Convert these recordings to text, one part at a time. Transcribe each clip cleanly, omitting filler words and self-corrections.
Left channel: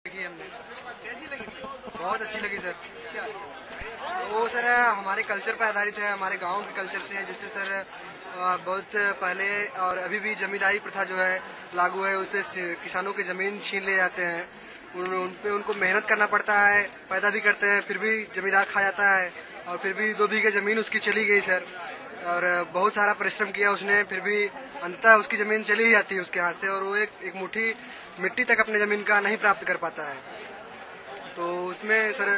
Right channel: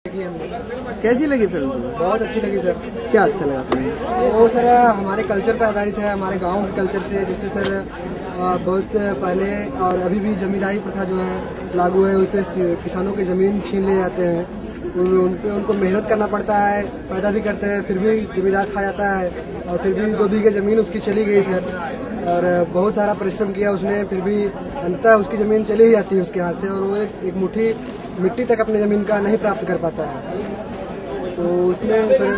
कैसी लगी फिल्म? बहुत अच्छी लगी सर। क्या अच्छा लगा फिल्म? वो सर हमारे कल्चर पर आधारित है, हमारे गांव के कल्चर से, जिससे सर बहुत पहले और अभी भी जमींदारी प्रथा जो है लागू है, उससे किसानों के ज़मीन छीन ले जाते हैं। उनको मेहनत करना पड़ता है, पैदा भी करते हैं, फिर भी जमींदार खा जाता है और फिर भी 2 बीघे ज़मीन उसकी चली गई सर। और बहुत सारा परिश्रम किया उसने, फिर भी अंततः उसकी ज़मीन चली ही जाती है उसके हाथ से, और वो एक मुट्ठी मिट्टी तक अपने ज़मीन का नहीं प्राप्त कर पाता है। तो उसमें सर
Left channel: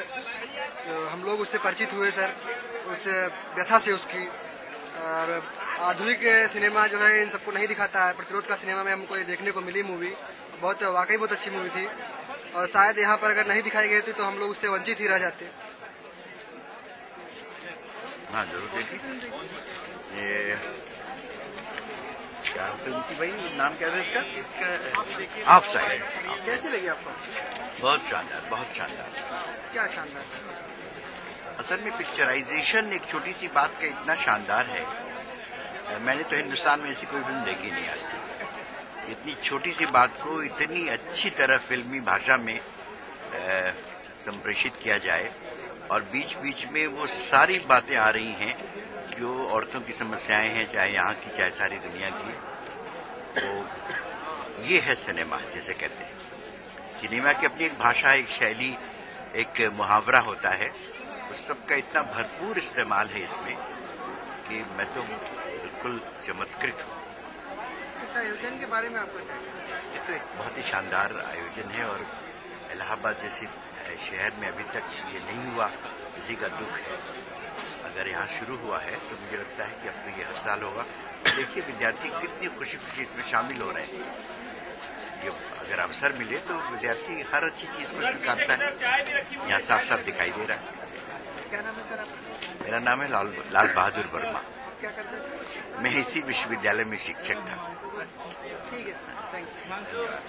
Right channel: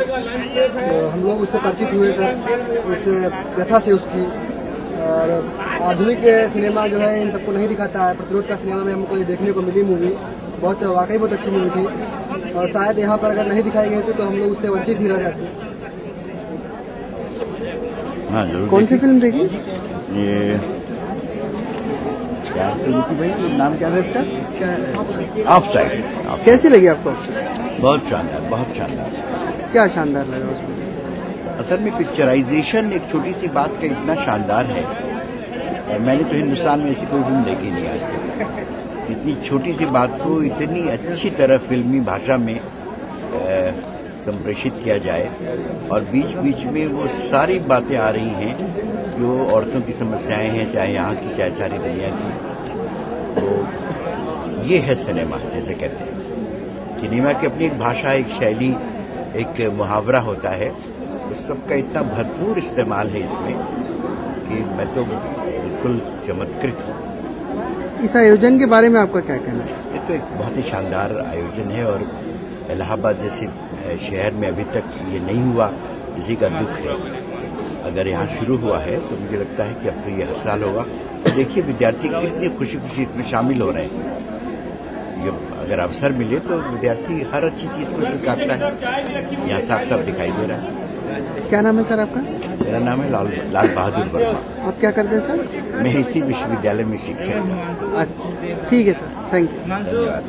हम लोग उससे परिचित हुए सर, उस व्यथा से उसकी। और आधुनिक सिनेमा जो है इन सबको नहीं दिखाता है। प्रतिरोध का सिनेमा में हमको ये देखने को मिली मूवी, वाकई बहुत अच्छी मूवी थी, और शायद यहाँ पर अगर नहीं दिखाई गई थी तो हम लोग उससे वंचित ही रह जाते। हाँ जरूर। कौन सी फिल्म देखी? ये क्या फिल्म की भाई, नाम क्या था इसका? ऑफसाइड। कैसी लगी आपको? बहुत शानदार, बहुत शानदार। क्या शानदार लगा उसमें? असल में पिक्चराइजेशन एक छोटी सी बात का इतना शानदार है, और मैंने तो हिंदुस्तान में ऐसी कोई फिल्म देखी नहीं आज तक। इतनी छोटी सी बात को इतनी अच्छी तरह फिल्मी भाषा में संप्रेषित किया जाए, और बीच बीच में वो सारी बातें आ रही हैं जो औरतों की समस्याएं हैं, चाहे यहाँ की चाहे सारी दुनिया की। तो ये है सिनेमा, जैसे कहते हैं सिनेमा की अपनी एक भाषा, एक शैली, एक मुहावरा होता है। उस सब का इतना भरपूर इस्तेमाल है इसमें कि मैं तो बिल्कुल चमत्कृत हूँ। इस आयोजन के बारे में आपका क्या कहना है? ये तो एक बहुत ही शानदार आयोजन है, और इलाहाबाद जैसे शहर में अभी तक ये नहीं हुआ, इसी का दुख है। अगर यहाँ शुरू हुआ है तो मुझे लगता है कि अब तो ये हर साल होगा। तो देखिए विद्यार्थी कितनी खुशी खुशी इसमें शामिल हो रहे हैं। ये अगर अवसर मिले तो विद्यार्थी हर अच्छी चीज़ को स्वीकारता है, यहाँ साफ साफ दिखाई दे रहा है। क्या नाम है सर आपका? मेरा नाम है लाल बहादुर वर्मा। आप क्या करते हैं सर? मैं इसी विश्वविद्यालय में शिक्षक था। अच्छा ठीक है सर, थैंक यू। धन्यवाद।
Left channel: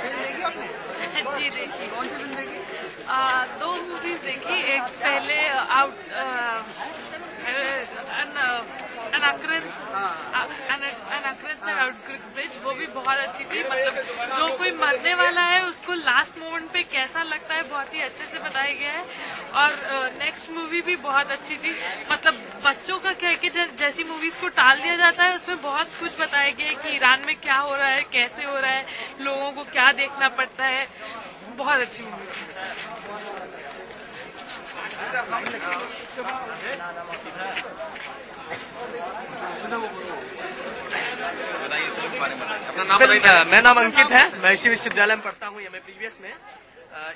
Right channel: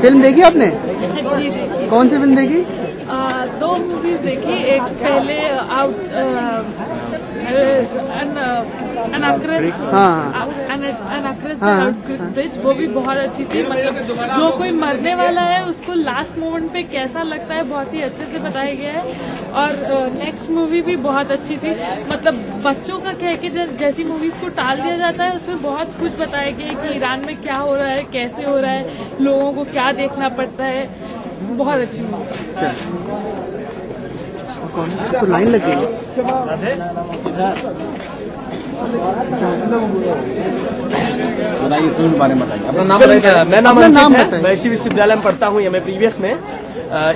फिल्म देखी आपने? जी देखी। कौन सी फिल्म देखी? 2 मूवीज देखी। एक पहले ब्रिज, वो भी बहुत अच्छी थी। मतलब जो कोई मरने वाला है उसको लास्ट मोमेंट पे कैसा लगता है बहुत ही अच्छे से बताया गया है। और नेक्स्ट मूवी भी बहुत अच्छी थी। मतलब बच्चों का क्या है कि जैसी मूवीज को टाल दिया जाता है, उसमें बहुत कुछ बताया गया है कि ईरान में क्या हो रहा है, कैसे हो रहा है, लोगों को क्या देखना पड़ता है। बहुत अच्छी मूवी। तो लाइन लगी बताइए इस फिल्म के बारे में बताइए। अपना नाम बताइए। मैं नाम है, मैं इसी विश्वविद्यालय में पढ़ता हूँ, मैं प्रीवियस में।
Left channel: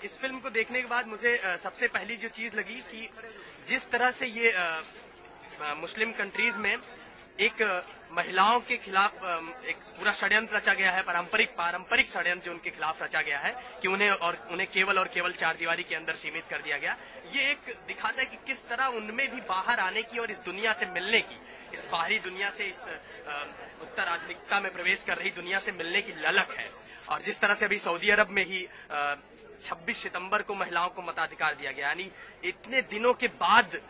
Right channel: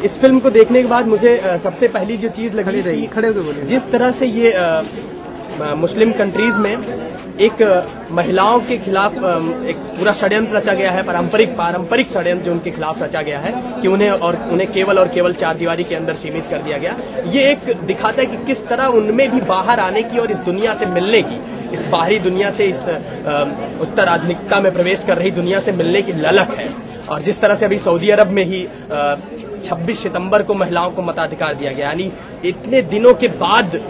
इस फिल्म को देखने के बाद मुझे सबसे पहली जो चीज लगी थी, खड़े होकर बोलिए। जिस तरह से ये मुस्लिम कंट्रीज में एक महिलाओं के खिलाफ एक पूरा षड्यंत्र रचा गया है, पारंपरिक षड्यंत्र जो उनके खिलाफ रचा गया है कि उन्हें केवल और केवल 4 दीवारी के अंदर सीमित कर दिया गया। ये एक दिखाता है कि किस तरह उनमें भी बाहर आने की और इस दुनिया से मिलने की, इस बाहरी दुनिया से, इस उत्तर आधुनिकता में प्रवेश कर रही दुनिया से मिलने की ललक है। और जिस तरह से अभी सऊदी अरब में ही 26 सितंबर को महिलाओं को मताधिकार दिया गया, यानी इतने दिनों के बाद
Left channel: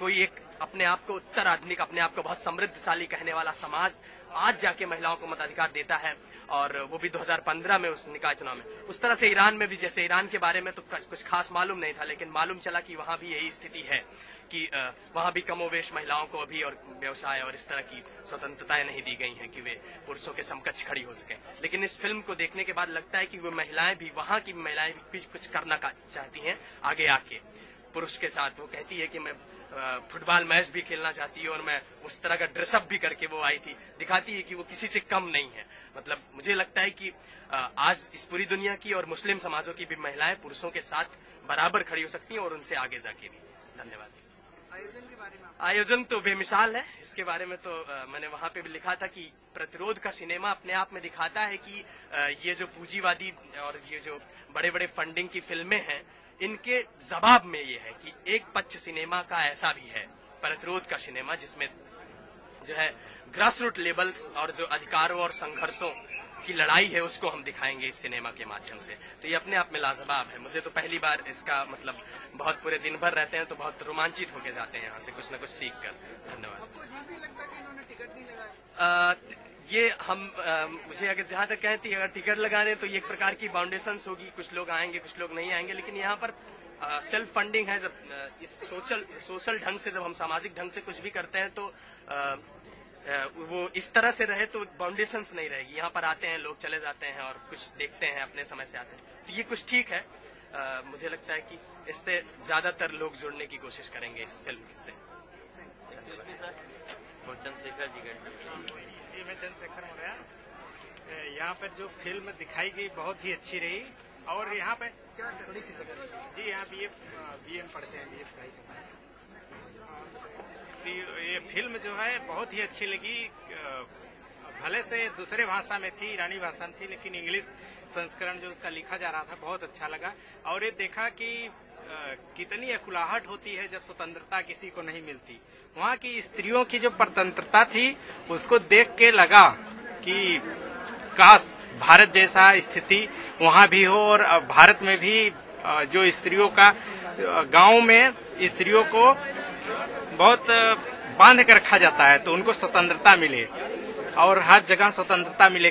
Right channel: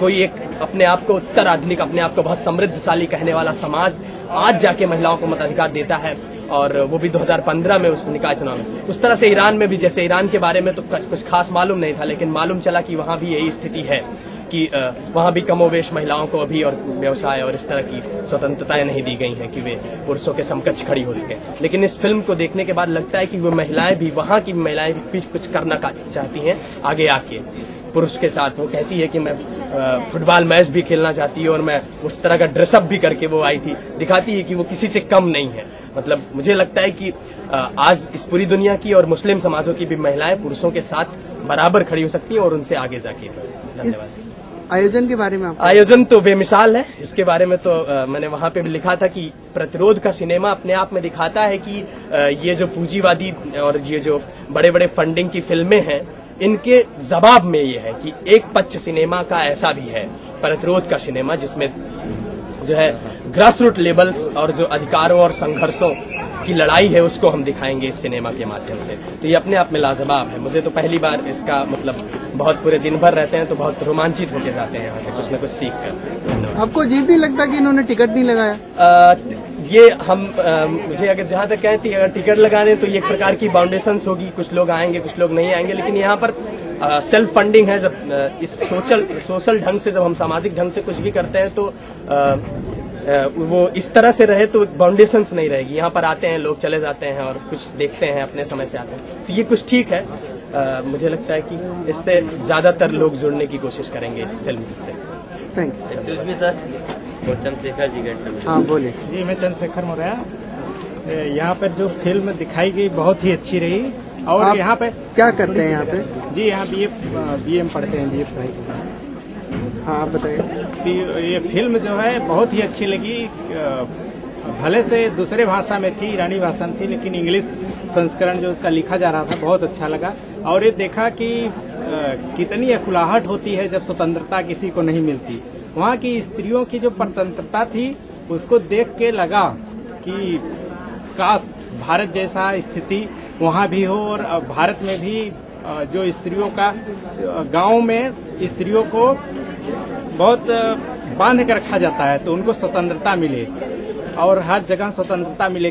कोई एक अपने आप को उत्तर आधुनिक, अपने आप को बहुत समृद्धशाली कहने वाला समाज आज जाके महिलाओं को मताधिकार देता है, और वो भी 2015 में उस निकाय चुनाव में। उस तरह से ईरान में भी, जैसे ईरान के बारे में तो कुछ खास मालूम नहीं था, लेकिन मालूम चला कि वहाँ भी यही स्थिति है कि वहाँ भी कमोवेश महिलाओं को अभी और व्यवसाय और इस तरह की स्वतंत्रताएं नहीं दी गई हैं कि वे पुरुषों के समकक्ष खड़ी हो सके। लेकिन इस फिल्म को देखने के बाद लगता है कि वो महिलाएं भी, वहाँ की महिलाएं भी कुछ करना चाहती हैं आगे आके पुरुष के साथ। वो कहती है कि मैं फुटबॉल मैच भी खेलना चाहती है, और मैं उस तरह का ड्रेसअप भी करके वो आई थी। दिखाती है कि वो किसी से कम नहीं है। मतलब मुझे लगता है कि आज इस पूरी दुनिया की और मुस्लिम समाजों की भी महिलाएं पुरुषों के साथ बराबर खड़ी हो सकती हैं, और उनसे आगे जाके। धन्यवाद। आयोजन के बारे में आयोजन तो बेमिसाल है। इसके बारे में तो मैंने वहाँ पे भी लिखा था कि प्रतिरोध का सिनेमा अपने आप में दिखाता है कि ये जो पूंजीवादी और ये जो बड़े बड़े फंडिंग की फिल्में हैं, इनके जवाब में ये है कि एक पक्ष सिनेमा का ऐसा भी है, प्रतिरोध का सिनेमा, जिसमें जो है ग्रास रूट लेवल्स और जो अधिकारों और संघर्षों की लड़ाई है उसको हम दिखाएंगे इस सिनेमा के माध्यम से। तो ये अपने आप में लाजवाब है। मुझे तो पहली बार इसका मतलब बहुत पूरे दिन भर रहते हैं तो बहुत रोमांचित होके जाते हैं यहाँ से कुछ न कुछ सीख कर। आपको अजीब नहीं लगता कि इन्होंने टिकट नहीं लगाया? ये हम मुझे अगर जहाँ तक कहती अगर टिकट लगाने तो ये एक प्रकार की बाउंडेशंस होगी, कुछ लोग आएंगे कुछ लोग नहीं आएंगे, लेकिन यहाँ पर सेल्फ फंडिंग है। जब इस सोशल ढंग से, जब हम सामाजिक ढंग से कुछ भी करते हैं तो वो इस तरह से रहे तो बाउंडेशंस नहीं रहेगी। यहाँ पर आते हैं लोग, चले जाते हैं और कुछ देखते हैं, अपने समय से आते हैं, तो ये कुछ ठीक है। मुझे लगता है कि इससे ज्यादातर लोग जुड़ने की कोशिश करेंगे इस फिल्म से। थैंक एक्सक्यूज मी सर, और चंद्रशेखर जी का। हाँ बोलिए। जी, मैं चंद्रशेखर मौर्य। यहाँ पर जो फिल्म दिखाई गई बहुत ही अच्छी रही। और आप यहाँ पे क्या करते हैं यहाँ पे? जी, यहाँ BA पढ़ते हैं, BA पढ़ाई करते हैं। हाँ आप बताइए। तो ये फिल्म जो है बहुत ही अच्छी लगी। भले से दूसरे भाषा में थी, ईरानी भाषा में थी, लेकिन इंग्लिश संस्करण जो उसका लिखा जा रहा था बहुत अच्छा लगा। और ये देखा कि कितनी अकुलाहट होती है जब स्वतंत्रता किसी को नहीं मिलती। वहाँ की स्त्रियों की जो स्वतंत्रता थी उसको देख के लगा कि काश भारत जैसा स्थिति वहाँ भी हो, और भारत में भी जो स्त्रियों का गांव में स्त्रियों को बहुत बांध कर रखा जाता है तो उनको स्वतंत्रता मिले और हर जगह स्वतंत्रता मिले।